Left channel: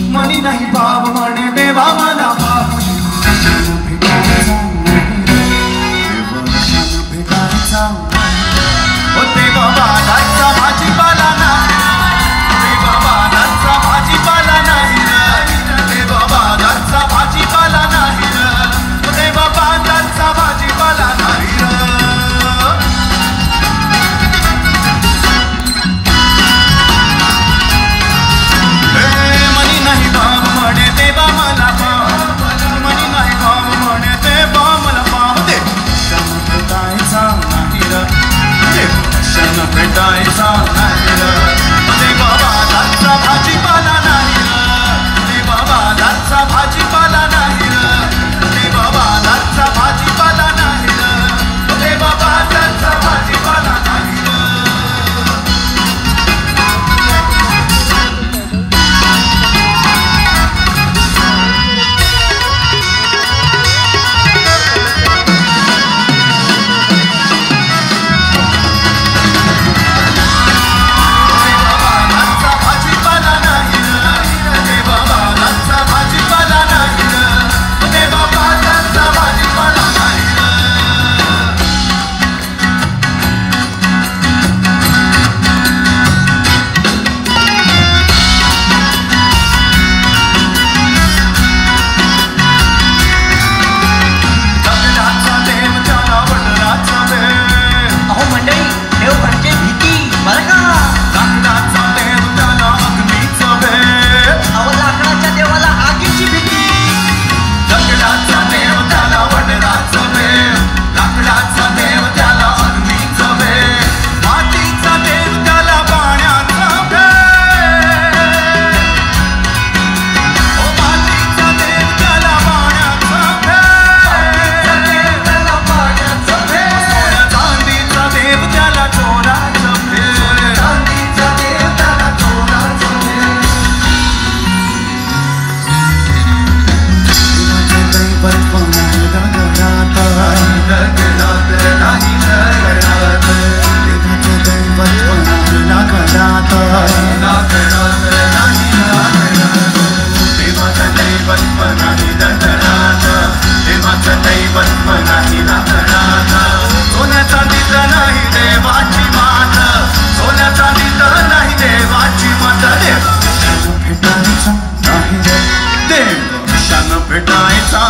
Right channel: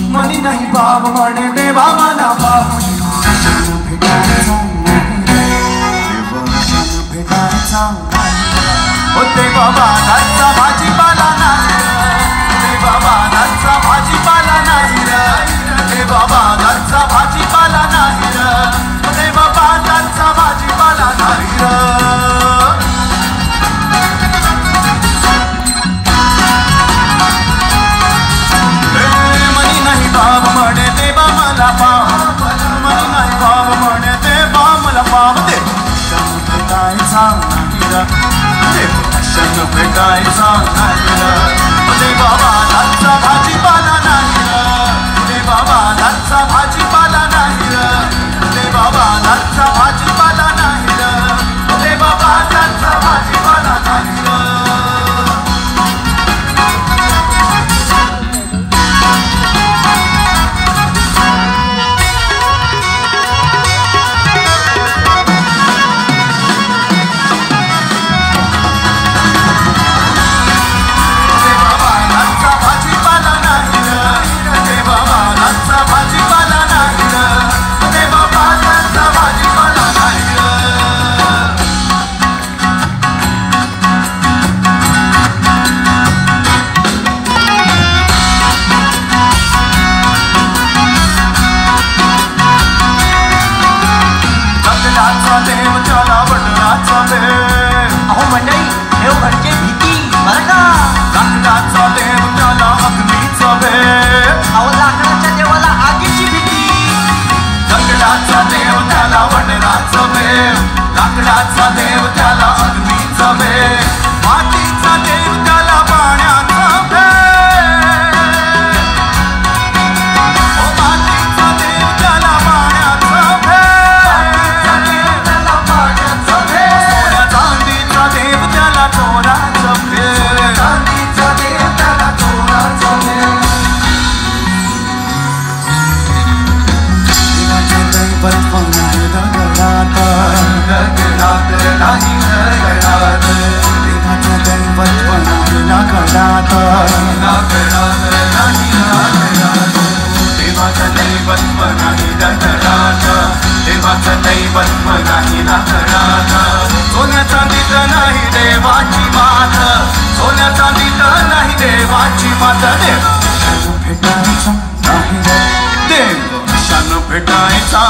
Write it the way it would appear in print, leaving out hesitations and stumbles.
मनी नाही भाव म्हणे देवा मला भाव होते बाबा घरचा भाजीपाला नाही रे बाबा घरचा भाजीपाला नाही रे बाबा घरचा भाजीपाला नाही रे बाबा घरचा भाजीपाला नाही मनी नाही भाव म्हणे देवा मला भाव मनी नाही भाव म्हणे देवा मला भाव दे भेटायचा नाही क्षण भेटायचा नाही रे बाबा घरचा भाजीपाला नाही रे बाबा घरचा भाजीपाला नाही रे बाबा घरचा भाजीपाला नाही रे बाबा घरचा भाजीपाला नाही भेटायचा